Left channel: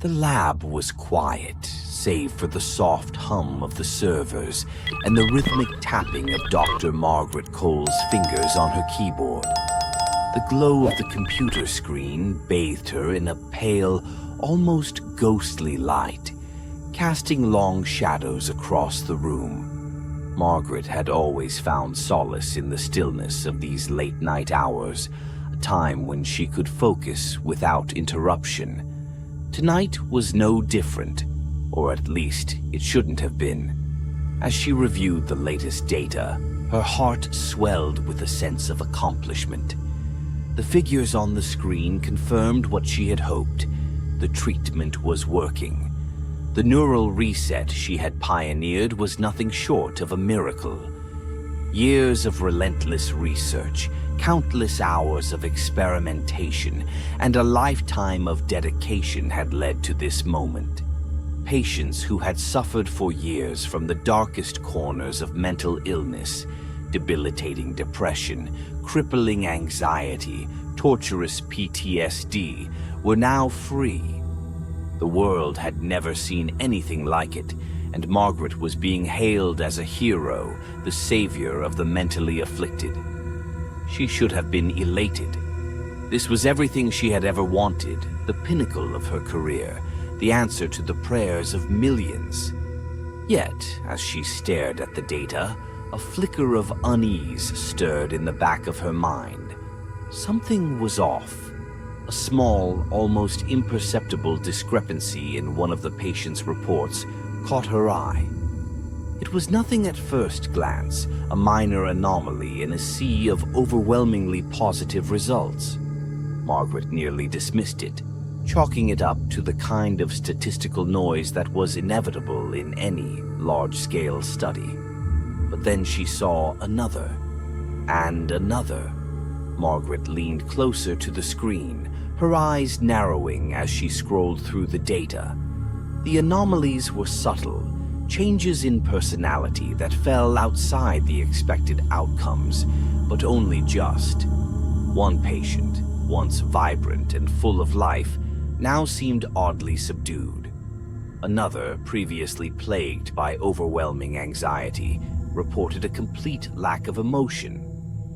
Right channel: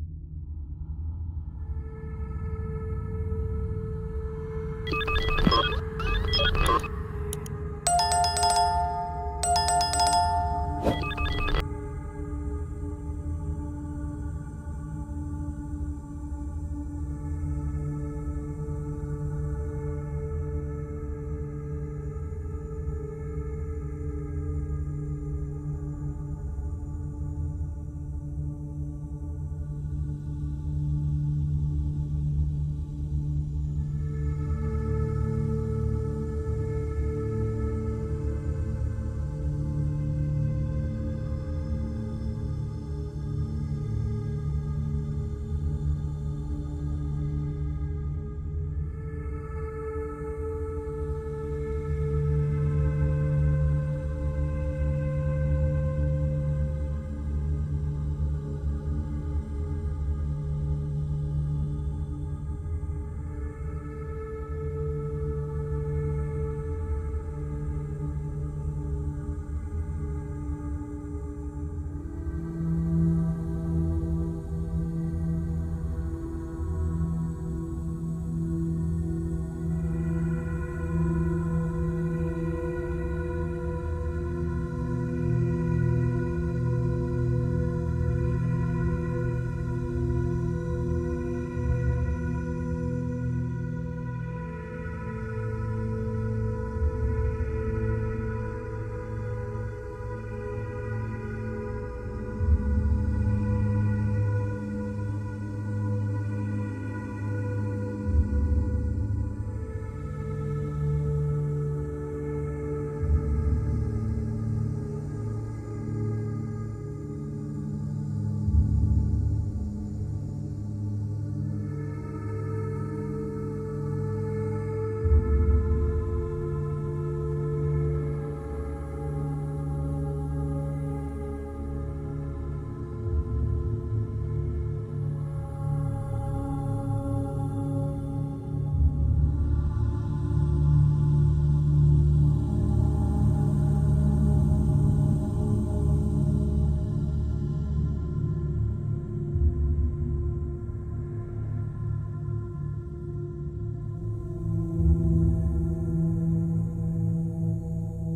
The lab was quiet, save for the soft hum of the servers and the rhythmic tapping of Dr. Margaret Cole's fingers on her keyboard. The glow of the computer screen bathed her in a pale, almost ghostly light, casting long shadows across the room. Margaret had always found solace in the stillness of these late-night hours, a time when she could focus without interruption. Tonight was no different, or at least it shouldn't have been. As she reviewed the latest data, her heart swelled with a sense of accomplishment. The figures on the screen confirmed what she had hoped. The treatment was working. The neural reset she had pioneered was nothing short of a miracle. Years of relentless research, countless hours of experimentation, and a lifetime of dedication had led to this moment. Patients who had suffered for years from the darkest corners of mental illness, debilitating depression, crippling anxiety, torturous PTSD, were now free. The world had never seen anything like it, and Margaret was being hailed as a hero, the savior of the mentally afflicted. She should have been elated. This was everything she had ever wanted, the pinnacle of her career, the answer to the prayers of millions. Yet, as she stared at the data, a flicker of unease stirred in the back of her mind. Something was off. A small, almost imperceptible discrepancy in one of the patient's reports caught her eye. It was nothing at first glance, a minor anomaly in a sea of overwhelmingly positive results. Margaret nearly dismissed it, chalking it up to the kind of statistical noise that was inevitable in any large-scale study. But then she saw another, and another. Margaret leaned closer to the screen, her eyes narrowing as she scrolled through the data. The anomalies were subtle, changes in personality that fell outside the expected outcomes, but only just. One patient, once vibrant and full of life, now seemed oddly subdued. Another, previously plagued by overwhelming anxiety, reported a complete lack of emotion,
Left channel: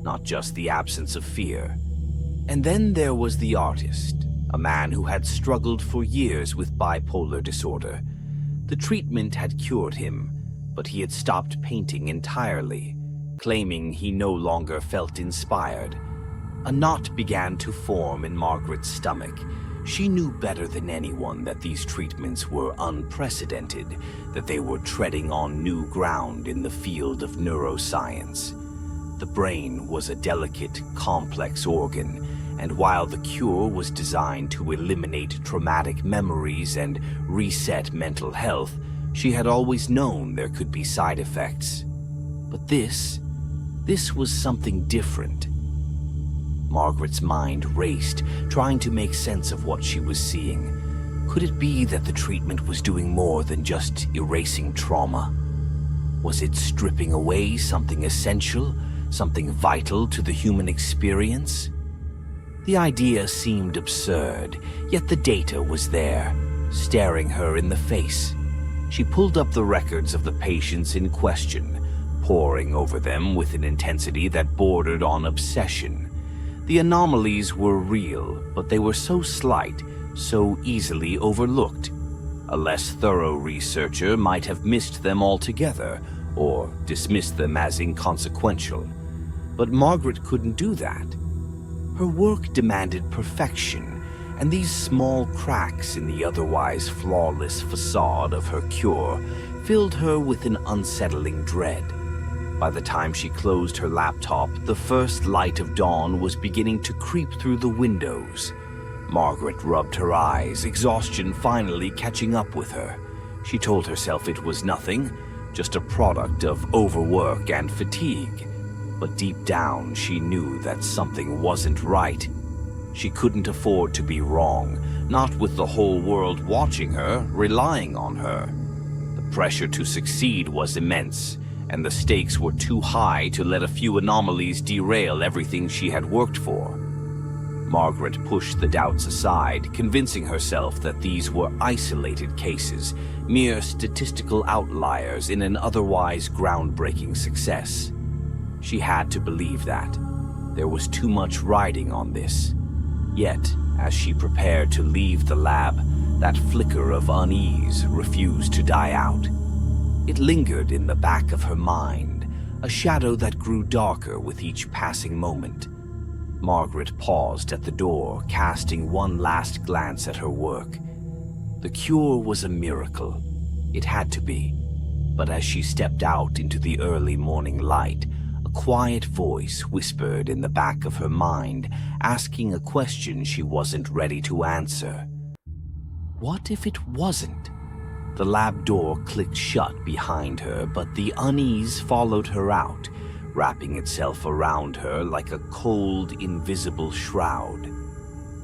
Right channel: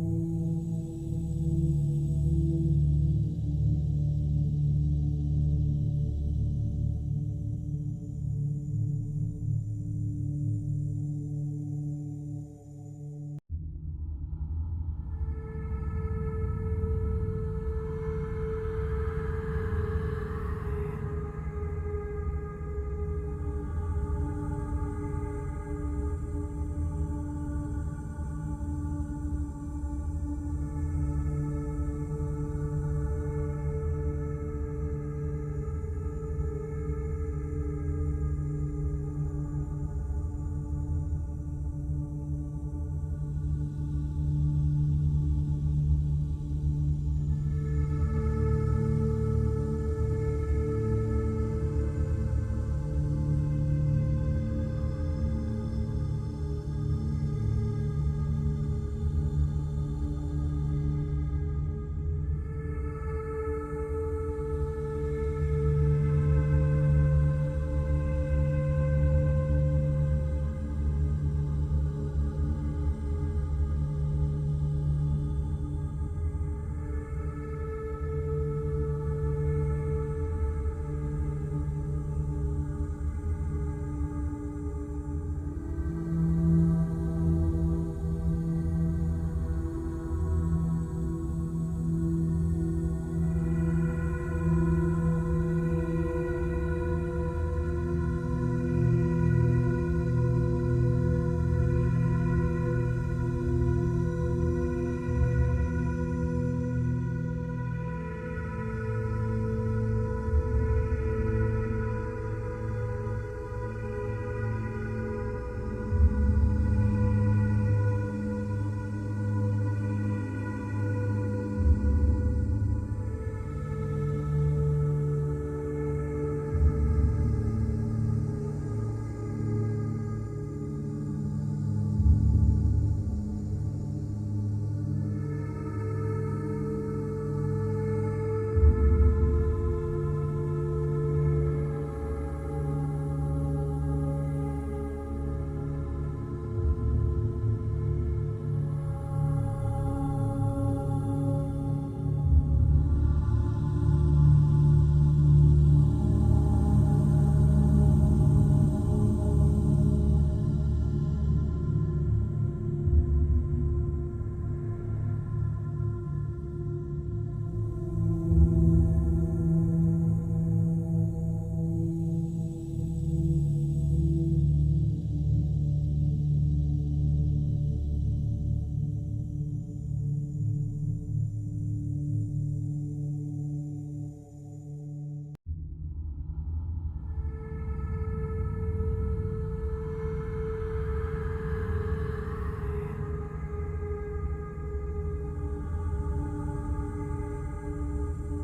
not just the absence of fear. And then there was the artist, a man who had struggled for years with bipolar disorder. The treatment had cured him, but he had stopped painting entirely, claiming he no longer felt inspired. A knot began to form in Margaret's stomach. She knew better than anyone that these treatments were unprecedented, that they were treading on new ground in the field of neuroscience. The brain was a delicate, complex organ, and while the cure was designed to eliminate traumatic memories and reset mental health, she had always known there could be side effects. But this was something different. Margaret's mind raced, trying to make sense of what she was seeing. Could it be that the treatment was doing more than just erasing trauma? Was it stripping away something essential, something vital to the human experience? The idea seemed absurd, yet the data was there, staring her in the face. She pulled up the records of the patients in question, poring over them with an intensity that bordered on obsession. The anomalies were real, but they were so slight, so easily overlooked. A less thorough researcher might have missed them altogether, or dismissed them as inconsequential. But Margaret couldn't do that. Her work demanded perfection, and these small cracks in the otherwise flawless facade of her cure filled her with an unsettling dread. By the time she closed her laptop, the first light of dawn was beginning to creep through the windows. Margaret rubbed her eyes, exhaustion finally catching up with her. She told herself it was nothing, just a product of overwork and fatigue. But deep down, she knew that something wasn't right. She couldn't afford to be wrong, not with the whole world watching her, relying on her. The pressure to succeed was immense, and the stakes were too high to let a few anomalies derail everything she had worked for. Margaret pushed the doubts aside, convincing herself that these were isolated cases, mere statistical outliers in an otherwise groundbreaking success. She had to believe that. There was too much riding on this. Yet, as she prepared to leave the lab, that flicker of unease refused to die out. It lingered in the back of her mind, a shadow that grew darker with each passing moment. Margaret paused at the door, casting one last glance at her work. The cure was a miracle. It had to be. But as she stepped out into the early morning light, a quiet voice whispered in the back of her mind, asking a question she wasn't ready to answer. What if it wasn't? The lab door clicked shut behind her, but the unease followed her out, wrapping itself around her like a cold, invisible shroud.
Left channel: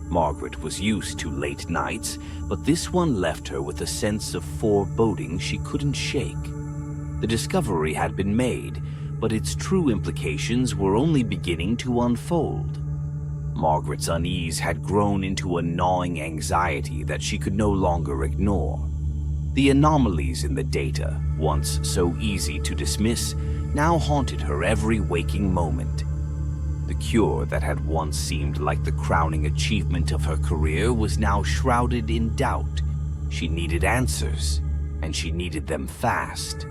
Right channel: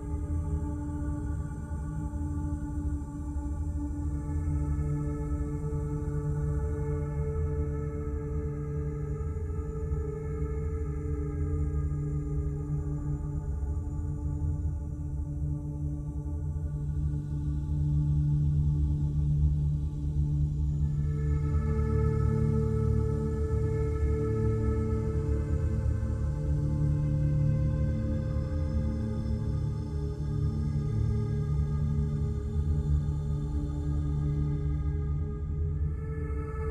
Margaret was used to late nights, but this one left her with a sense of foreboding she couldn't shake. The discovery had been made, but its true implications were only beginning to unfold. Margaret's unease had grown into a gnawing anxiety that she could no longer ignore. The anomalies in the data, once so easy to dismiss, now haunted her every waking moment. The cure that had once seemed like the crowning achievement of her career was now shrouded in doubt. She needed answers, and she needed them fast.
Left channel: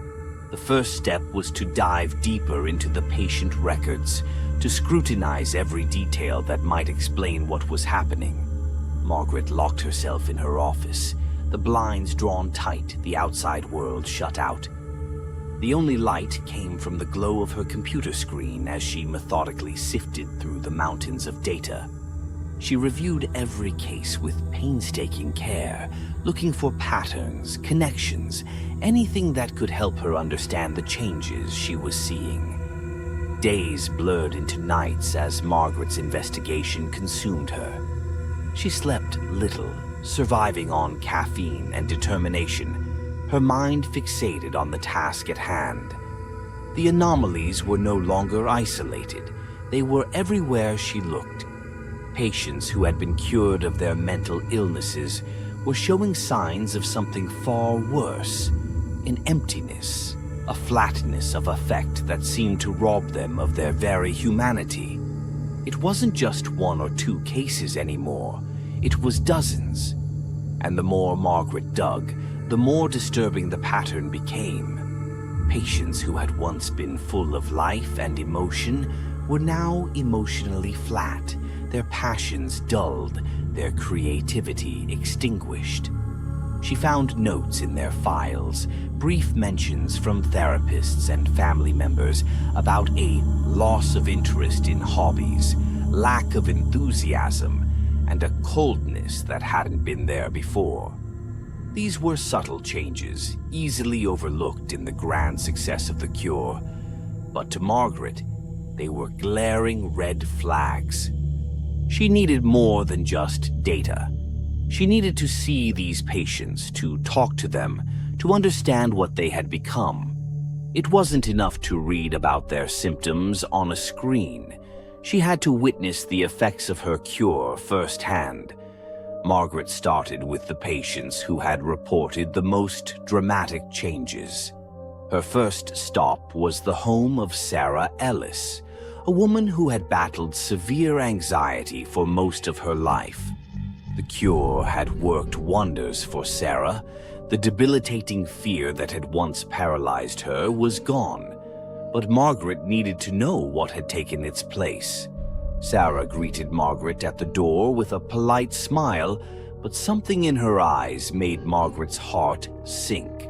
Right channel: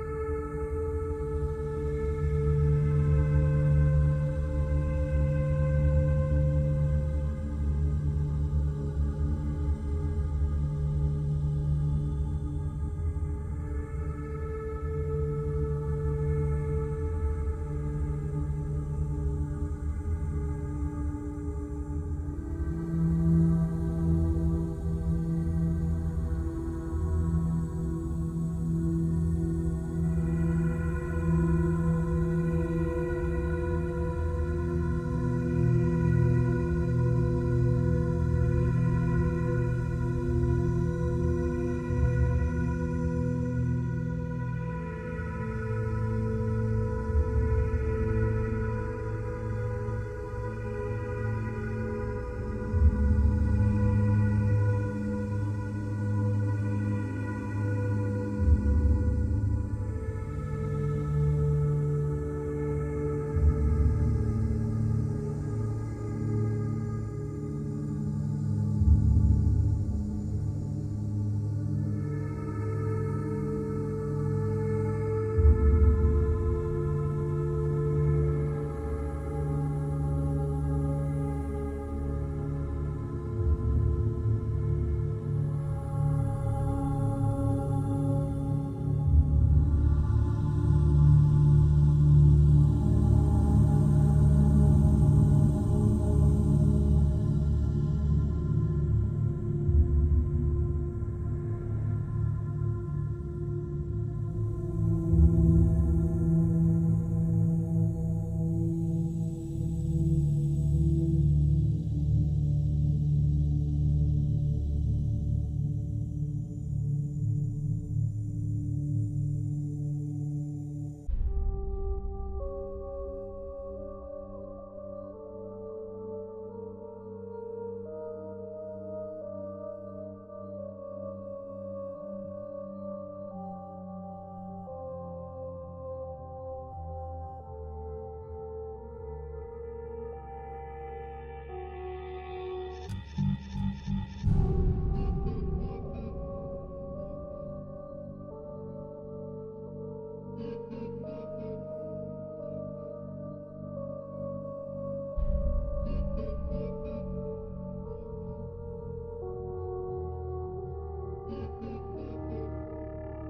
The first step was to dive deeper into the patient records, to scrutinize every detail that might explain what was happening. Margaret locked herself in her office, the blinds drawn tight, the outside world shut out. The only light came from the glow of her computer screen as she methodically sifted through the mountains of data. She reviewed every case with painstaking care, looking for patterns, connections, anything that could help her understand the changes she was seeing. Days blurred into nights as Margaret's investigation consumed her. She slept little, surviving on caffeine and determination, her mind fixated on the task at hand. The anomalies were no longer isolated. They were everywhere she looked. Patients who had been cured of their mental illnesses were showing signs of something far worse, an emptiness, a flatness of affect that seemed to rob them of their very humanity. It wasn't just one or two cases anymore. It was dozens. And the more Margaret dug, the more disturbing the pattern became. Patients who had once been full of life and emotion were now emotionally flat, their passions dulled, their creativity extinguished. She found notes in their files, brief mentions from therapists and family members about a loss of interest in hobbies, lack of enthusiasm, and a coldness that hadn't been there before. These were subtle changes, easily overlooked in the grand success of the cure. But to Margaret, they were glaring red flags. She needed more than just data. She needed to see these patients, to talk to them, to understand what they had become. It wasn't enough to read about their symptoms on a screen. She had to witness the effects of her cure firsthand. Margaret started with the patients who had reported the most dramatic changes. Her first stop was the home of Sarah Ellis, a woman who had battled severe anxiety for most of her life. The cure had worked wonders for Sarah. The debilitating fear that had once paralyzed her was gone. But Margaret needed to know what had taken its place. Sarah greeted Margaret at the door with a polite smile, but something in her eyes made Margaret's heart sink.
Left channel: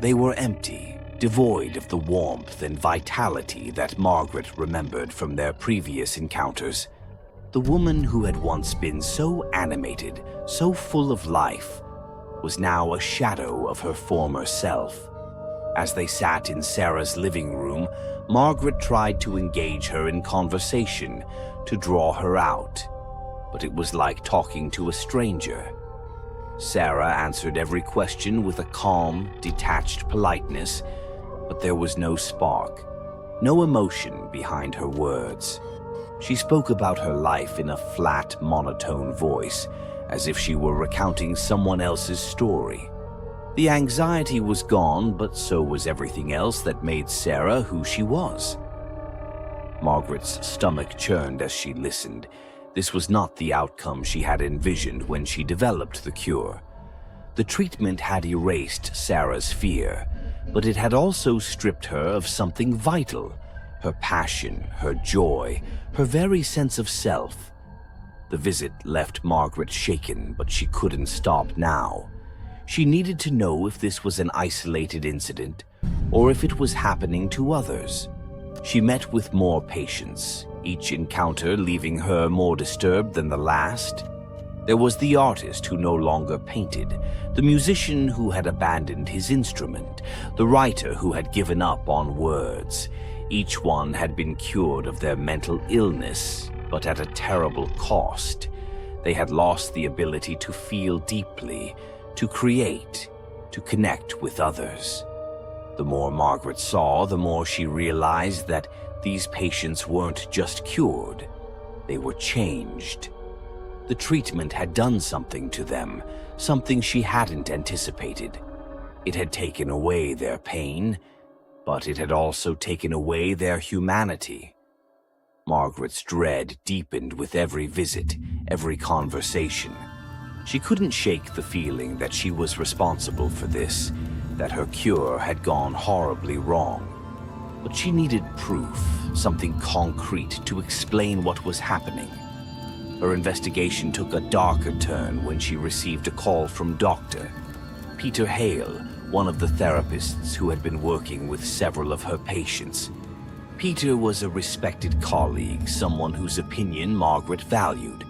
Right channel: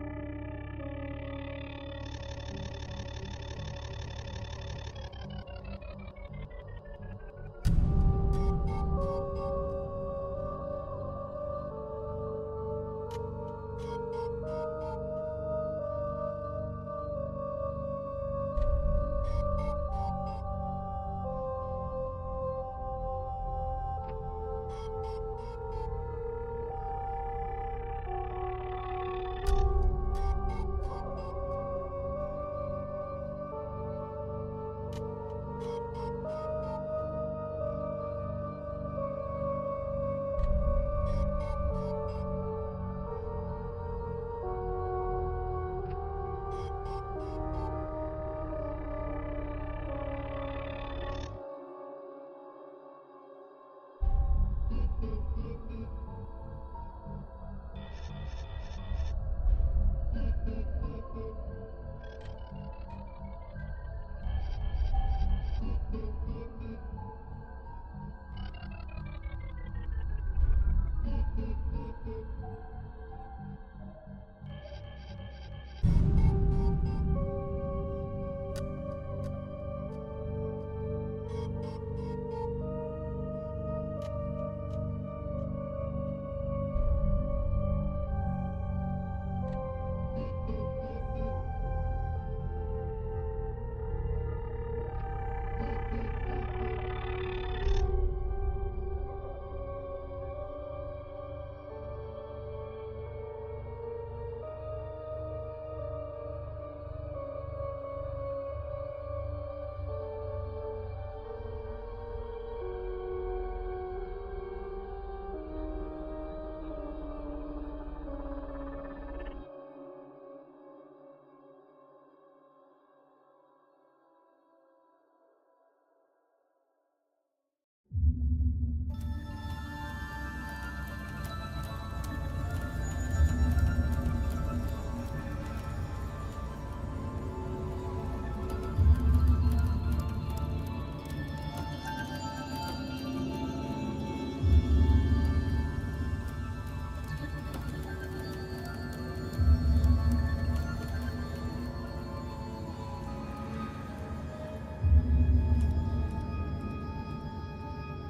They were empty, devoid of the warmth and vitality that Margaret remembered from their previous encounters. The woman who had once been so animated, so full of life, was now a shadow of her former self. As they sat in Sarah's living room, Margaret tried to engage her in conversation, to draw her out. But it was like talking to a stranger. Sarah answered every question with a calm, detached politeness, but there was no spark, no emotion behind her words. She spoke about her life in a flat, monotone voice, as if she were recounting someone else's story. The anxiety was gone, but so was everything else that made Sarah who she was. Margaret's stomach churned as she listened. This was not the outcome she had envisioned when she developed the cure. The treatment had erased Sarah's fear, but it had also stripped her of something vital: her passion, her joy, her very sense of self. The visit left Margaret shaken, but she couldn't stop now. She needed to know if this was an isolated incident, or if it was happening to others. She met with more patients, each encounter leaving her more disturbed than the last. There was the artist who no longer painted, the musician who had abandoned his instrument, the writer who had given up on words. Each one had been cured of their mental illness, but at a terrible cost. They had lost the ability to feel deeply, to create, to connect with others. The more Margaret saw, the more she realized that these patients weren't just cured, they were changed. The treatment had done something to them, something she hadn't anticipated. It had taken away their pain, but it had also taken away their humanity. Margaret's dread deepened with every visit, every conversation. She couldn't shake the feeling that she was responsible for this, that her cure had gone horribly wrong. But she needed proof, something concrete to explain what was happening. Her investigation took a darker turn when she received a call from Dr. Peter Hale, one of the therapists who had been working with several of her patients. Peter was a respected colleague, someone whose opinion Margaret valued.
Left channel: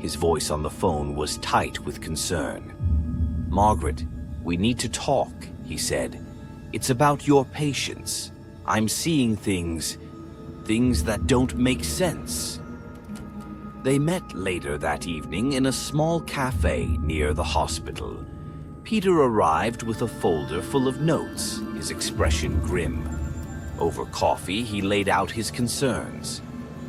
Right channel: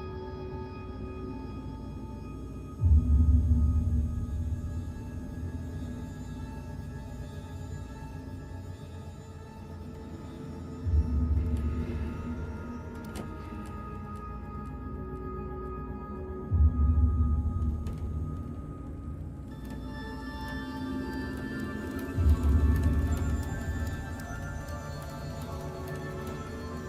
His voice on the phone was tight with concern. "Margaret, we need to talk," he said. "It's about your patients. I'm seeing things that don't make sense." They met later that evening in a small cafe near the hospital. Peter arrived with a folder full of notes, his expression grim. Over coffee, he laid out his concerns.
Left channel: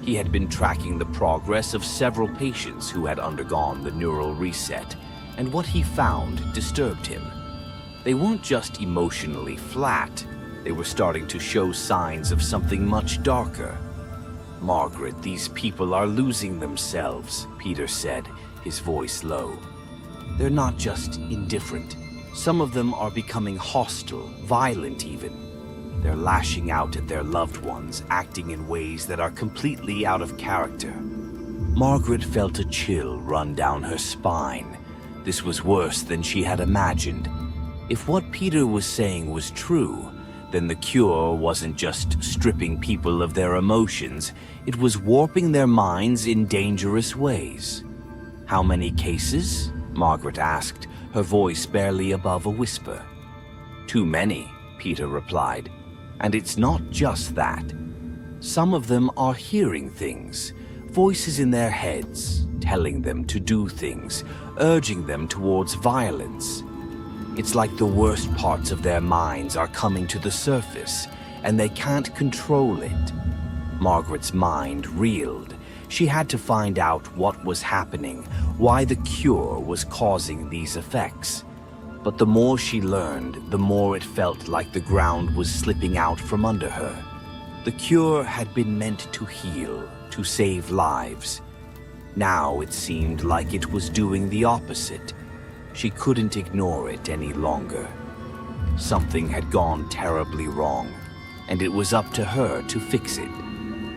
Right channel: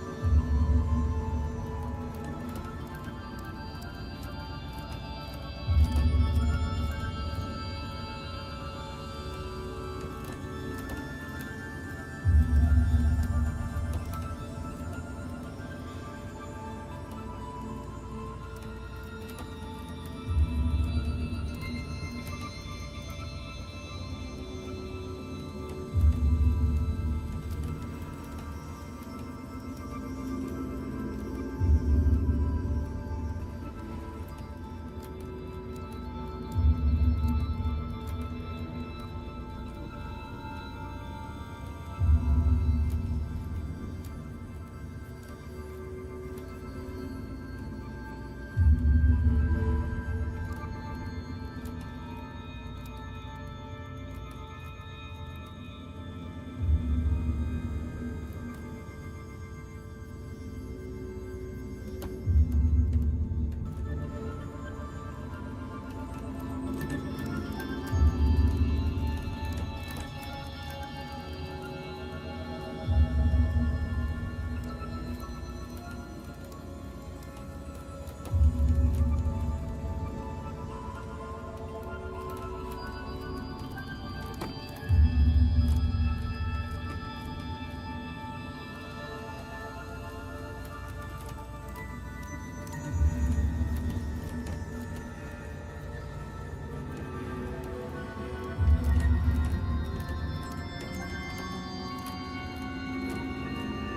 He had been tracking the progress of several patients who had undergone the neural reset, and what he found disturbed him. They weren't just emotionally flat, they were starting to show signs of something much darker. "Margaret, these people are losing themselves," Peter said, his voice low. "They're not just indifferent. Some of them are becoming hostile, violent even. They're lashing out at their loved ones, acting in ways that are completely out of character." Margaret felt a chill run down her spine. This was worse than she had imagined. If what Peter was saying was true, then the cure wasn't just stripping people of their emotions, it was warping their minds in dangerous ways. "How many cases?" Margaret asked, her voice barely above a whisper. "Too many," Peter replied. "And it's not just that. Some of them are hearing things, voices in their heads, telling them to do things, urging them towards violence. It's like the worst parts of their minds are coming to the surface, and they can't control it." Margaret's mind reeled. She had to find out what was happening, why the cure was causing these effects. But the more she learned, the more it felt like the ground was slipping out from under her. The cure had been meant to heal, to save lives. Now it seemed like it was doing the opposite. She couldn't ignore it any longer. Something had gone terribly wrong, and it was up to her to fix it.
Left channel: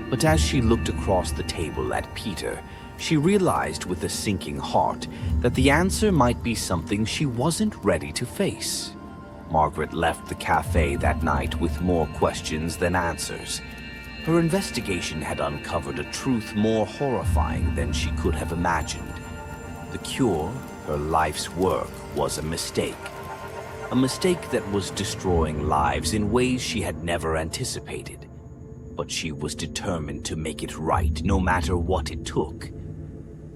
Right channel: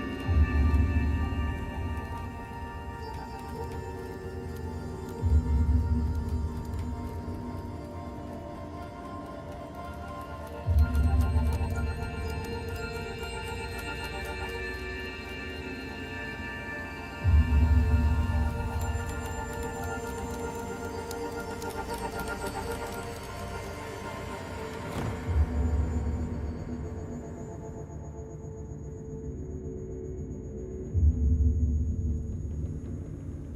But as she looked across the table at Peter, she realized with a sinking heart that the answer might be something she wasn't ready to face. Margaret left the cafe that night with more questions than answers. Her investigation had uncovered a truth more horrifying than she could have imagined. The cure, her life's work, was a mistake. A mistake that was destroying lives in ways she had never anticipated. But she was determined to make it right, no matter what it took.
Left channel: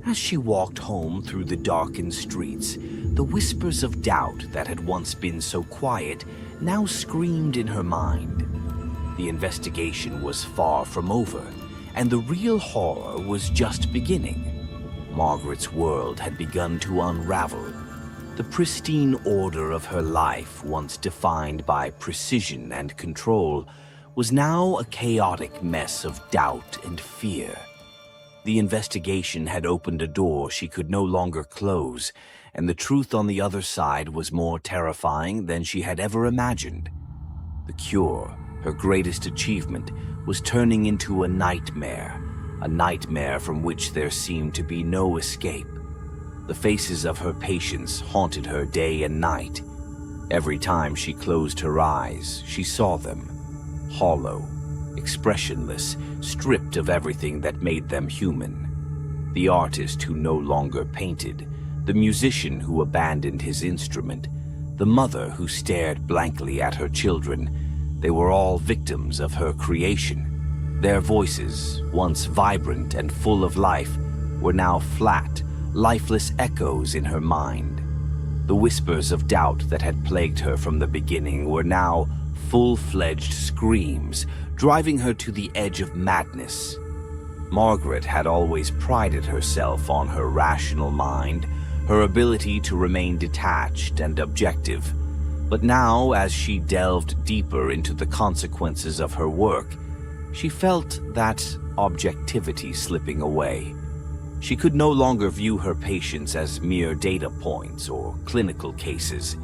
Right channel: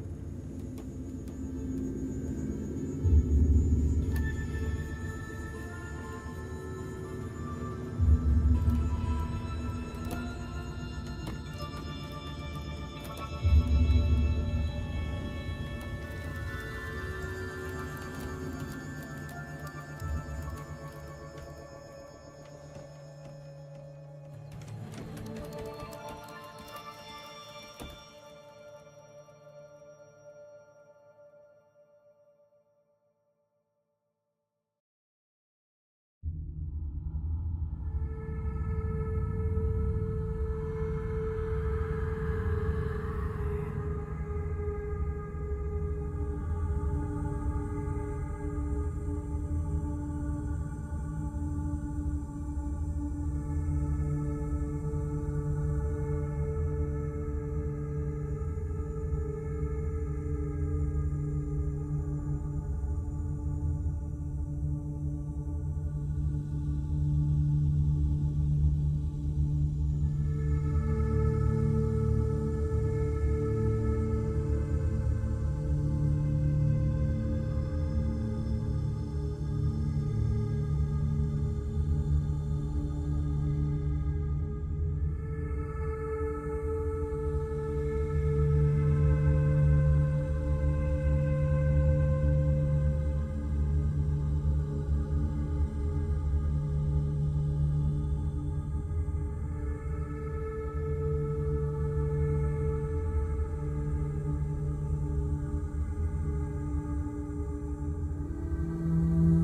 As she walked home through the darkened streets, the whispers of doubt that had once been so quiet now screamed in her mind. The investigation was far from over, And the real horror was just beginning. Margaret's world had begun to unravel. The pristine order of her life, once defined by precision and control, was now a chaotic mess of doubt and fear. The investigation had opened a door she could no longer close, and the truth on the other side was more terrifying than she had ever imagined. The cure, her greatest achievement, was turning into a nightmare from which there seemed to be no escape. The faces of her patients haunted her day and night. Every time she closed her eyes, she saw them, hollow, expressionless, stripped of everything that made them human. The artist who no longer painted, the musician who abandoned his instrument, the mother who stared blankly at her children, they were all victims of her creation. Their voices, once vibrant and full of life, were now flat, lifeless echoes in her mind. The whispers of doubt that had plagued her from the beginning were now full-fledged screams, driving her to the edge of madness. Margaret had always prided herself on her rational mind, her ability to remain detached and objective. But now, as she delved deeper into the consequences of her work, she felt that objectivity slipping away. She could no longer view her patients as mere data points or clinical cases.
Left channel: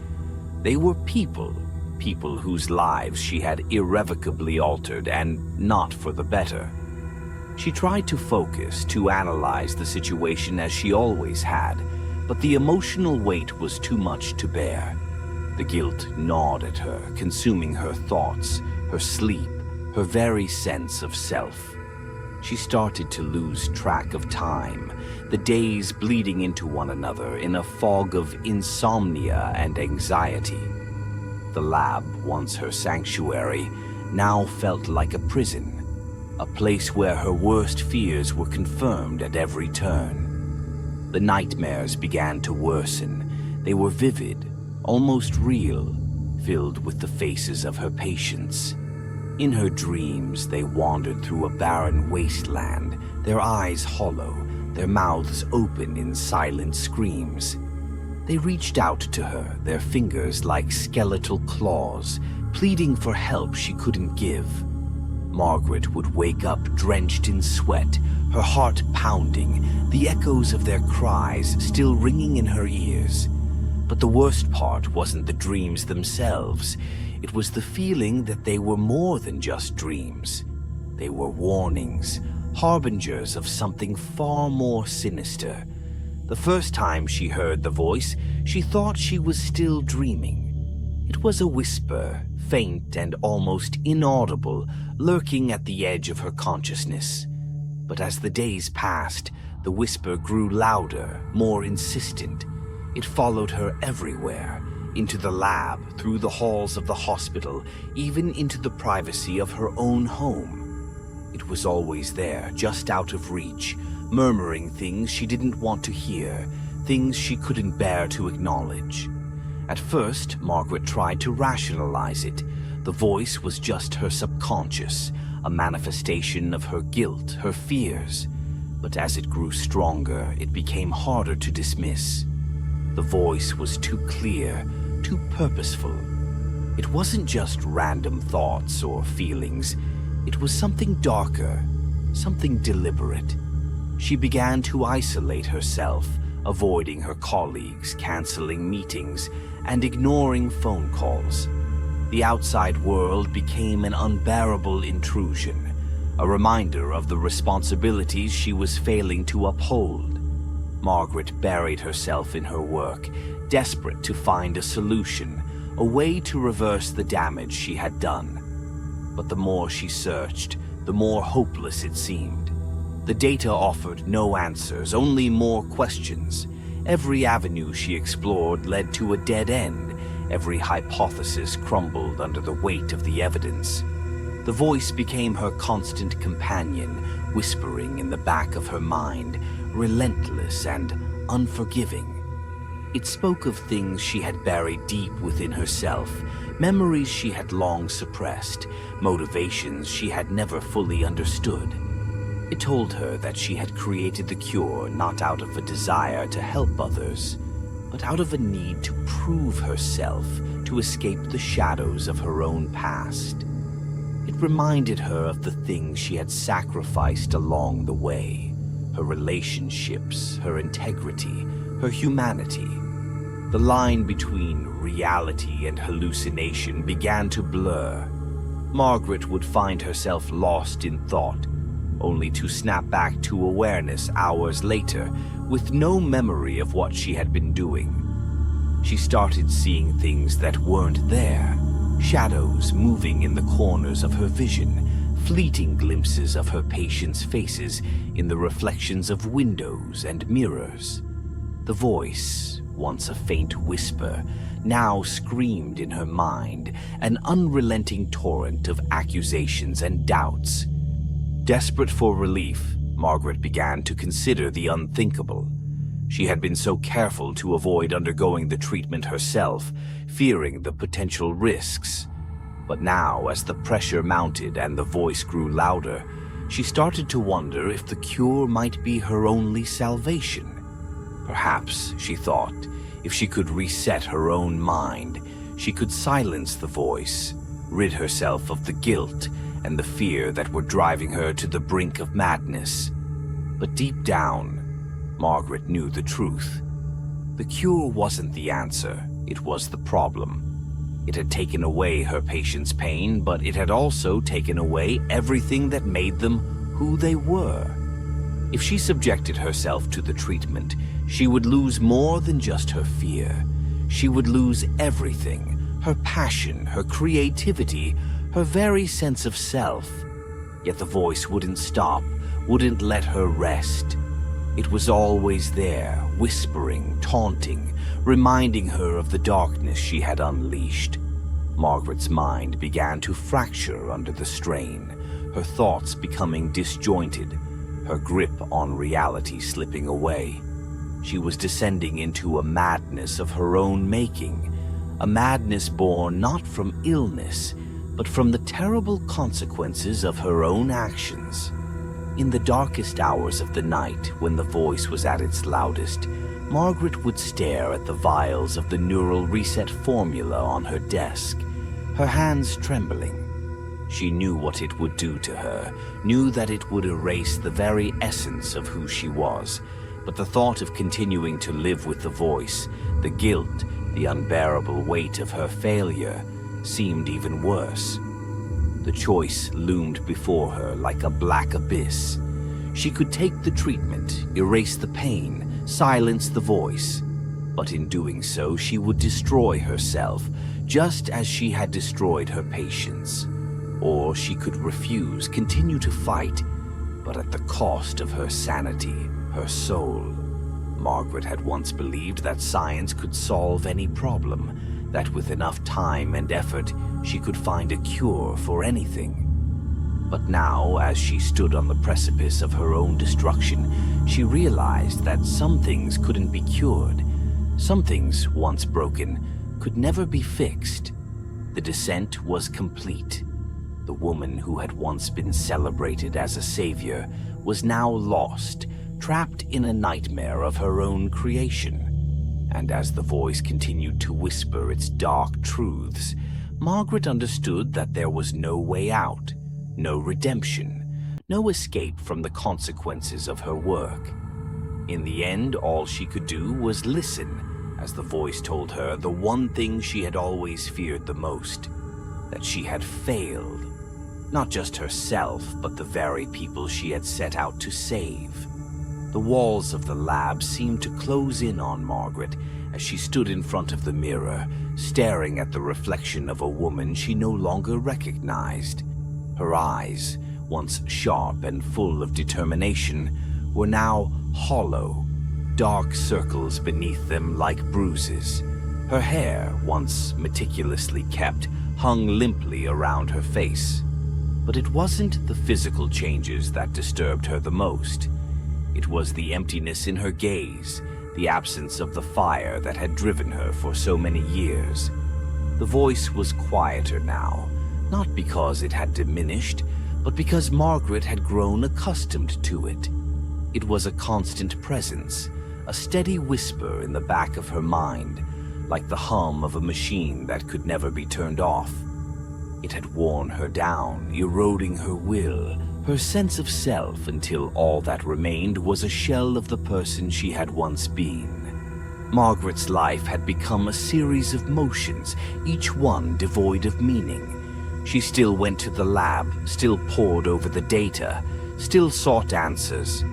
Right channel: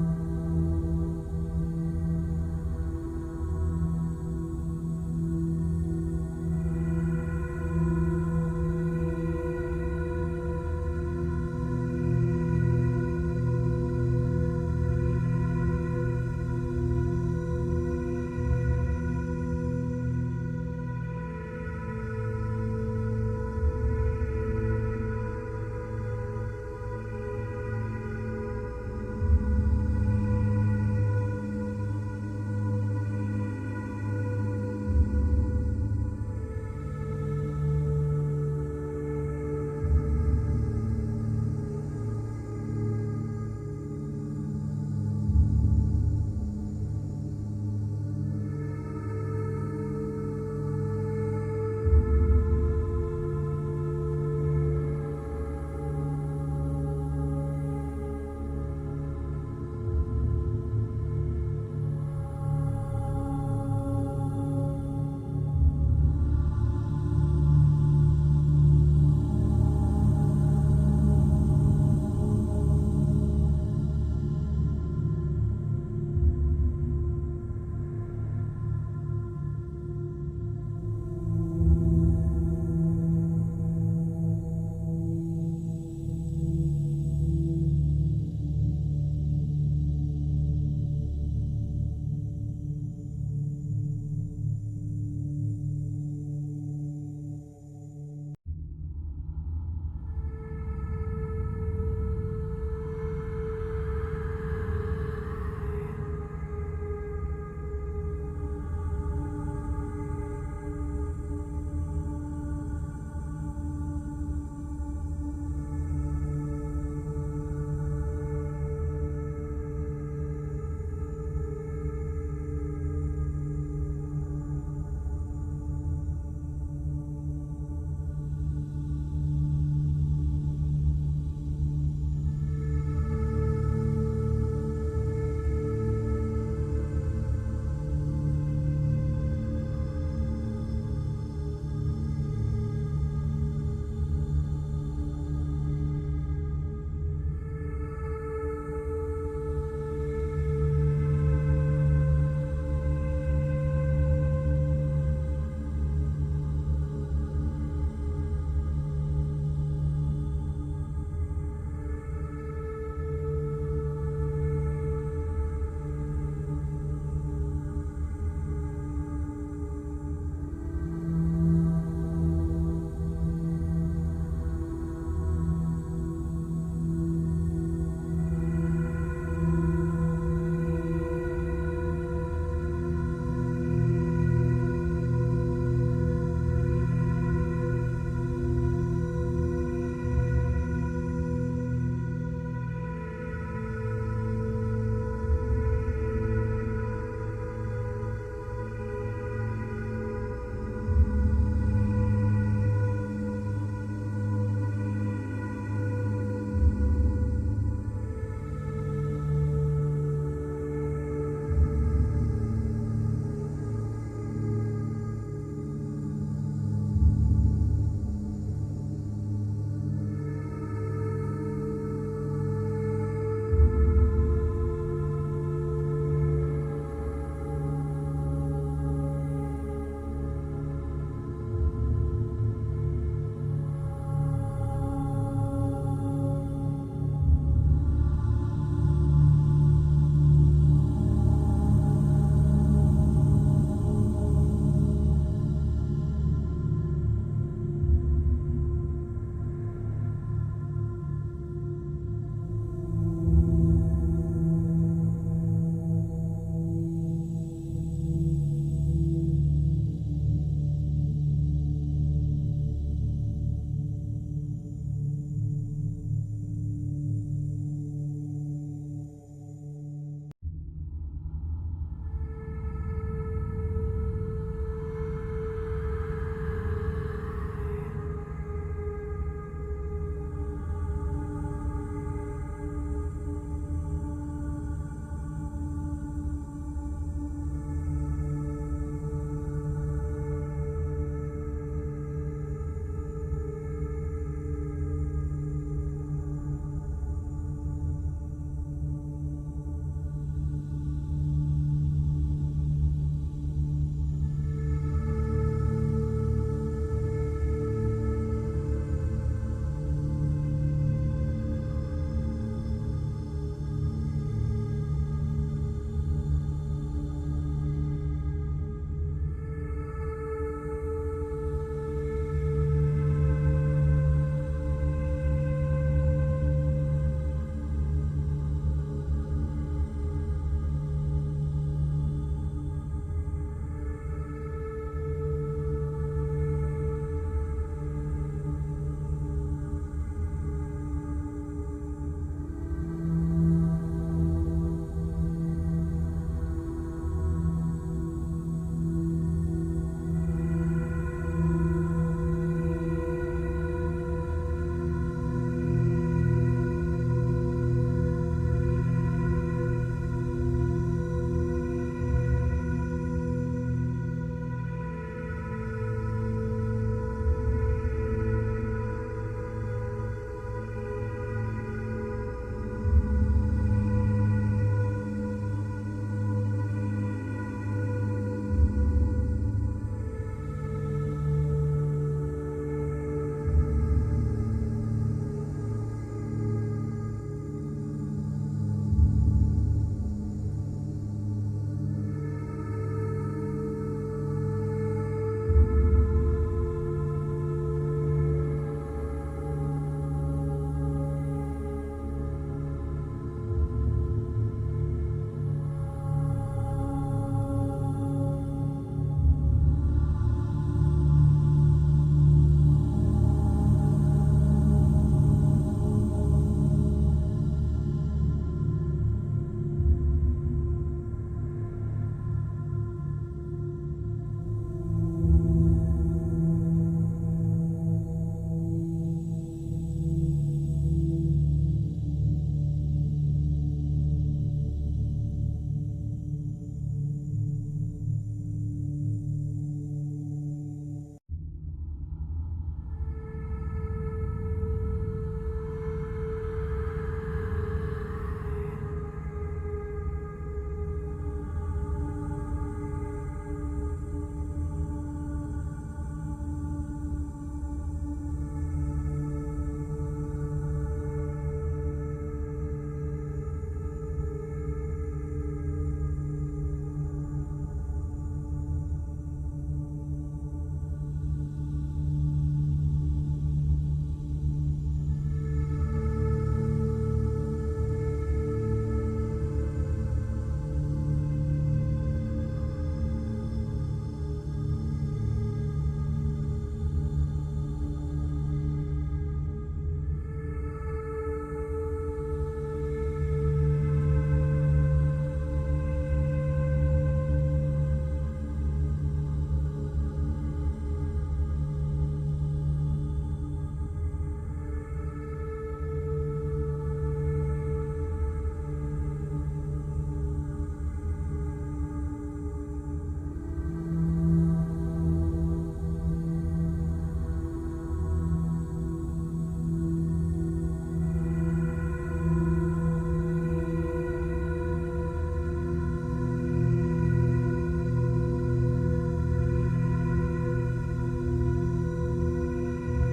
They were people whose lives she had irrevocably altered, and not for the better. She tried to focus, to analyze the situation as she always had, but the emotional weight was too much to bear. The guilt gnawed at her, consuming her thoughts, her sleep, her very sense of self. She started to lose track of time, the days bleeding into one another in a fog of insomnia and anxiety. The lab, once her sanctuary, now felt like a prison, a place where her worst fears were confirmed at every turn. The nightmares began to worsen. They were vivid, almost real, filled with the faces of her patients. In her dreams, they wandered through a barren wasteland, their eyes hollow, their mouths open in silent screams. They reached out to her, their fingers like skeletal claws, pleading for help she couldn't give. Margaret would wake up drenched in sweat, her heart pounding, the echoes of their cries still ringing in her ears. But the worst part wasn't the dreams themselves. It was the feeling that they were more than just dreams. They were warnings, harbingers of something far more sinister. The first time she heard the voice, she thought she was still dreaming. It was a whisper, faint and almost inaudible, lurking at the edge of her consciousness. But as the days passed, the whisper grew louder, more insistent. It followed her everywhere, into the lab, through the halls of the hospital, even into the privacy of her own home. It was always there, just out of reach, murmuring things she didn't want to hear, things she couldn't bear to acknowledge. At first, Margaret tried to rationalize it. The voice was just her subconscious, a manifestation of her guilt, her fears. But as it grew stronger, it became harder to dismiss. The voice was too clear, too purposeful. It wasn't just random thoughts or feelings. It was something darker, something deliberate. She began to isolate herself, avoiding her colleagues, canceling meetings, and ignoring phone calls. The outside world became an unbearable intrusion, a reminder of the responsibilities she was failing to uphold. Margaret buried herself in her work, desperate to find a solution, a way to reverse the damage she had done. But the more she searched, the more hopeless it seemed. The data offered no answers, only more questions. Every avenue she explored led to a dead end. Every hypothesis crumbled under the weight of the evidence. The voice became her constant companion, whispering in the back of her mind, relentless and unforgiving. It spoke of things she had buried deep within herself, memories she had long suppressed, motivations she had never fully understood. It told her that she had created the cure not out of a desire to help others, but out of a need to prove herself, to escape the shadows of her own past. It reminded her of the things she had sacrificed along the way, her relationships, her integrity, her humanity. The line between reality and hallucination began to blur. Margaret would find herself lost in thought, only to snap back to awareness hours later with no memory of what she had been doing. She started seeing things that weren't there, shadows moving in the corners of her vision, fleeting glimpses of her patients' faces in the reflections of windows and mirrors. The voice, once a faint whisper, now screamed in her mind, an unrelenting torrent of accusations and doubts. Desperate for relief, Margaret began to consider the unthinkable. She had been so careful to avoid undergoing the treatment herself, fearing the potential risks. But now, as the pressure mounted and the voice grew louder, she started to wonder if the cure might be her only salvation. Perhaps, she thought, if she could reset her own mind, she could silence the voice, rid herself of the guilt and the fear that were driving her to the brink of madness. But deep down, Margaret knew the truth. The cure wasn't the answer, it was the problem. It had taken away her patients' pain, but it had also taken away everything that made them who they were. If she subjected herself to the treatment, she would lose more than just her fear. She would lose everything, her passion, her creativity, her very sense of self. Yet the voice wouldn't stop, wouldn't let her rest. It was always there, whispering, taunting, reminding her of the darkness she had unleashed. Margaret's mind began to fracture under the strain, her thoughts becoming disjointed, her grip on reality slipping away. She was descending into a madness of her own making, a madness born not from illness, but from the terrible consequences of her own actions. In the darkest hours of the night, when the voice was at its loudest, Margaret would stare at the vials of the neural reset formula on her desk, her hands trembling. She knew what it would do to her, knew that it would erase the very essence of who she was, but the thought of continuing to live with the voice, the guilt, the unbearable weight of her failure, seemed even worse. The choice loomed before her like a black abyss. She could take the treatment, erase the pain, silence the voice, but in doing so she would destroy herself, just as she had destroyed her patients. Or she could refuse, continue to fight, but at the cost of her sanity, her soul. Margaret had once believed that science could solve any problem, that with enough time and effort, she could find a cure for anything. But now, as she stood on the precipice of her own destruction, she realized that some things couldn't be cured. Some things, once broken, could never be fixed. The descent was complete. The woman who had once been celebrated as a savior was now lost, trapped in a nightmare of her own creation. And as the voice continued to whisper its dark truths, Margaret understood that there was no way out, no redemption, no escape from the consequences of her work. In the end, all she could do was listen, as the voice told her the one thing she had always feared the most, that she had failed. Not just herself, but the very people she had set out to save. The walls of the lab seemed to close in on Margaret as she stood in front of the mirror, staring at the reflection of a woman she no longer recognized. Her eyes, once sharp and full of determination, were now hollow, dark circles beneath them like bruises. Her hair, once meticulously kept, hung limply around her face. But it wasn't the physical changes that disturbed her the most. It was the emptiness in her gaze, the absence of the fire that had driven her for so many years. The voice was quieter now, not because it had diminished, but because Margaret had grown accustomed to it. It was a constant presence, a steady whisper in the back of her mind, like the hum of a machine that could never be turned off. It had worn her down, eroding her will, her sense of self, until all that remained was a shell of the person she had once been. Margaret's life had become a series of motions, each one devoid of meaning. She still went to the lab, still pored over the data, still sought answers.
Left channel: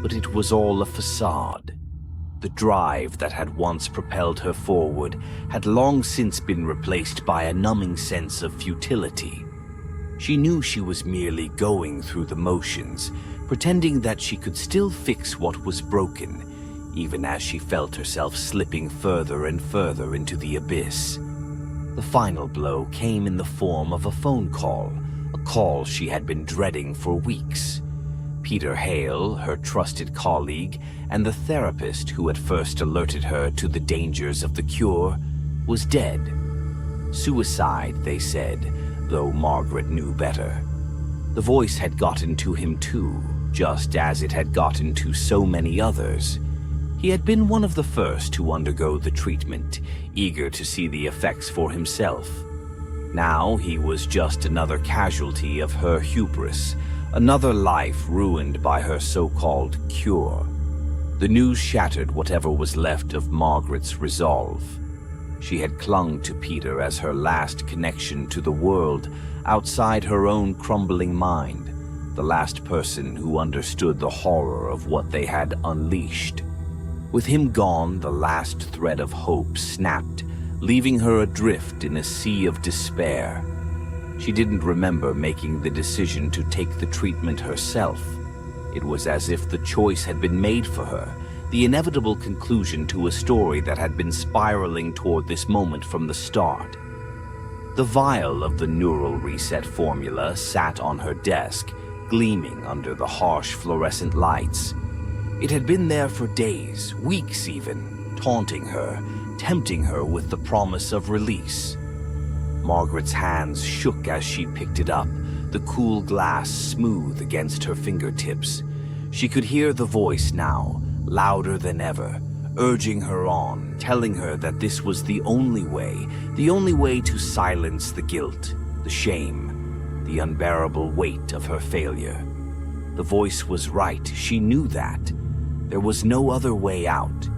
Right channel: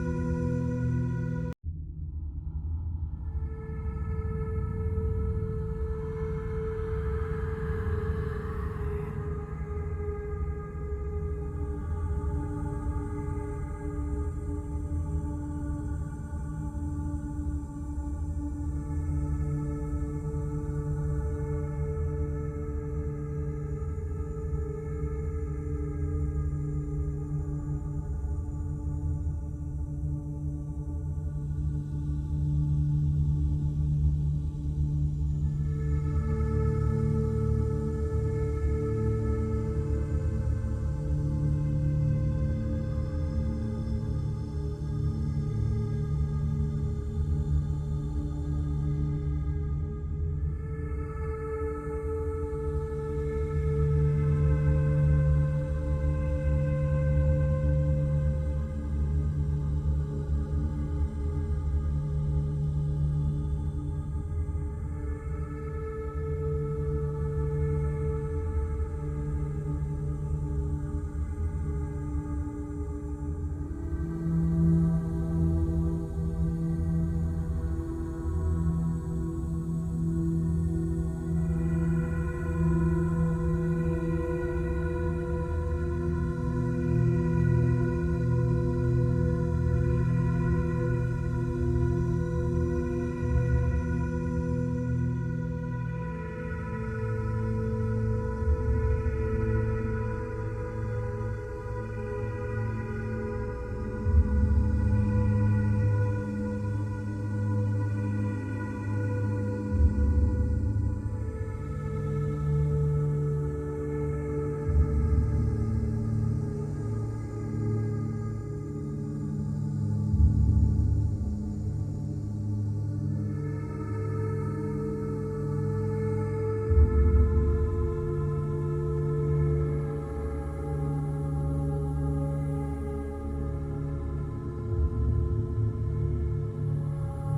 But it was all a facade. The drive that had once propelled her forward had long since been replaced by a numbing sense of futility. She knew she was merely going through the motions, pretending that she could still fix what was broken, even as she felt herself slipping further and further into the abyss. The final blow came in the form of a phone call, a call she had been dreading for weeks. Peter Hale, her trusted colleague, and the therapist who had first alerted her to the dangers of the cure, was dead. Suicide, they said, though Margaret knew better. The voice had gotten to him too, just as it had gotten to so many others. He had been one of the first to undergo the treatment, eager to see the effects for himself. Now he was just another casualty of her hubris, another life ruined by her so-called cure. The news shattered whatever was left of Margaret's resolve. She had clung to Peter as her last connection to the world outside her own crumbling mind, the last person who understood the horror of what they had unleashed. With him gone, the last thread of hope snapped, leaving her adrift in a sea of despair. She didn't remember making the decision to take the treatment herself. It was as if the choice had been made for her, the inevitable conclusion to a story that had been spiraling toward this moment from the start. The vial of the neural reset formula sat on her desk, gleaming under the harsh fluorescent lights. It had been there for days, weeks even, taunting her, tempting her with the promise of release. Margaret's hands shook as she picked it up, the cool glass smooth against her fingertips. She could hear the voice now, louder than ever, urging her on, telling her that this was the only way to silence the guilt, the shame, the unbearable weight of her failure. The voice was right, she knew that. There was no other way out.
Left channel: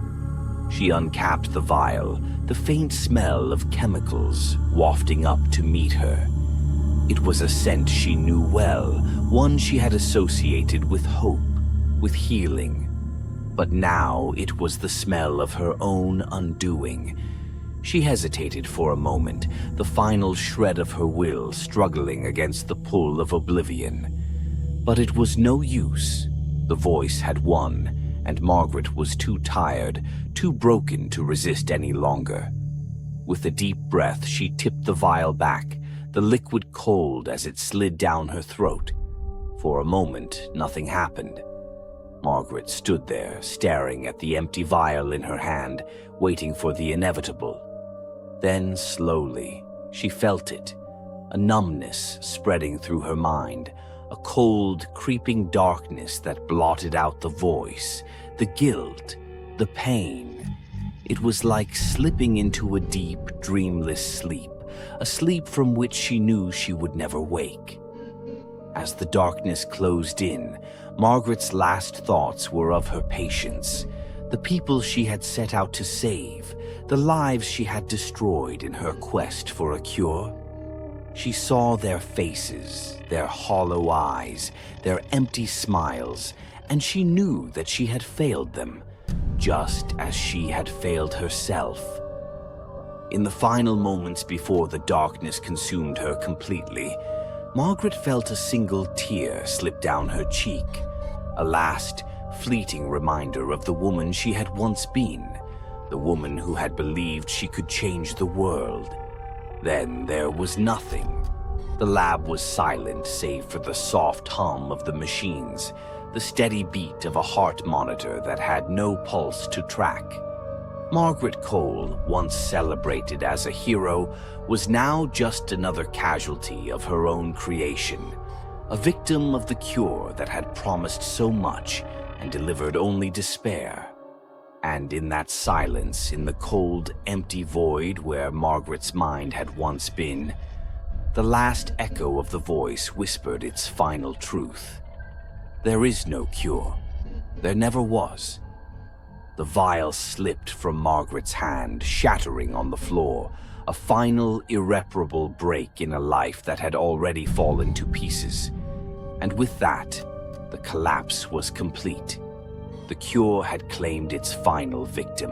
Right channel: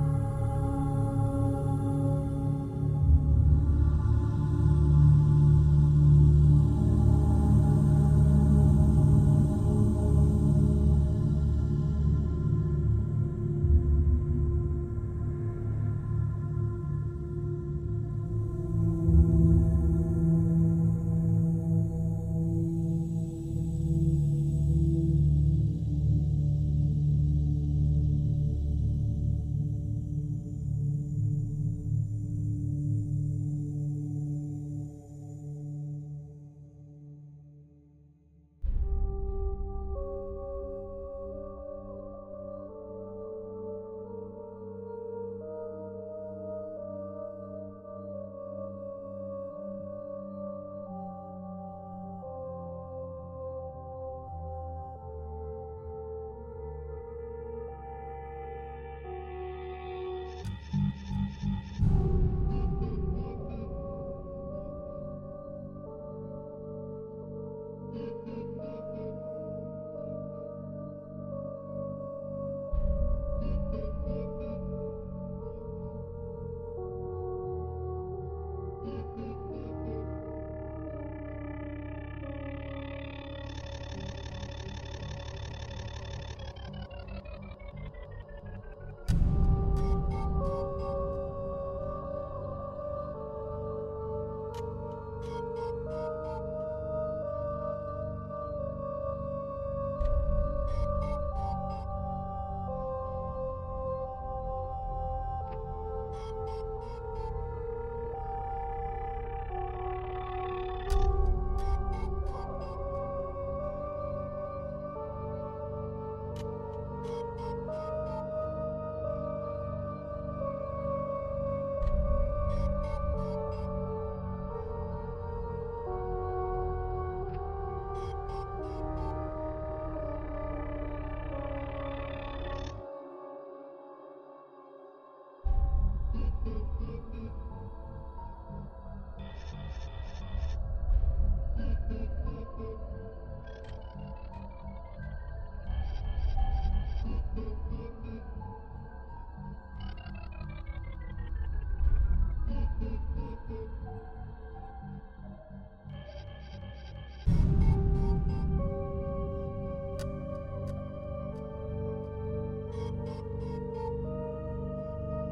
She uncapped the vial, the faint smell of chemicals wafting up to meet her. It was a scent she knew well, one she had associated with hope, with healing. But now it was the smell of her own undoing. She hesitated for a moment, the final shred of her will struggling against the pull of oblivion. But it was no use. The voice had won, and Margaret was too tired, too broken to resist any longer. With a deep breath, she tipped the vial back, the liquid cold as it slid down her throat. For a moment, nothing happened. Margaret stood there, staring at the empty vial in her hand, waiting for the inevitable. Then, slowly, she felt it, a numbness spreading through her mind, a cold, creeping darkness that blotted out the voice, the guilt, the pain. It was like slipping into a deep, dreamless sleep, a sleep from which she knew she would never wake. As the darkness closed in, Margaret's last thoughts were of her patients, the people she had set out to save, the lives she had destroyed in her quest for a cure. She saw their faces, their hollow eyes, their empty smiles, and she knew that she had failed them, just as she had failed herself. In the final moments before the darkness consumed her completely, Margaret felt a single tear slip down her cheek, a last, fleeting reminder of the woman she had once been, the woman who had believed she could change the world. Then there was nothing. The lab was silent save for the soft hum of the machines, the steady beat of a heart monitor that had no pulse to track. Margaret Cole, once celebrated as a hero, was now just another casualty of her own creation, A victim of the cure that had promised so much and delivered only despair. And in that silence, in the cold, empty void where Margaret's mind had once been, the last echo of the voice whispered its final truth. There is no cure. There never was. The vial slipped from Margaret's hand, shattering on the floor, a final, irreparable break in a life that had already fallen to pieces. And with that, the collapse was complete. The cure had claimed its final victim.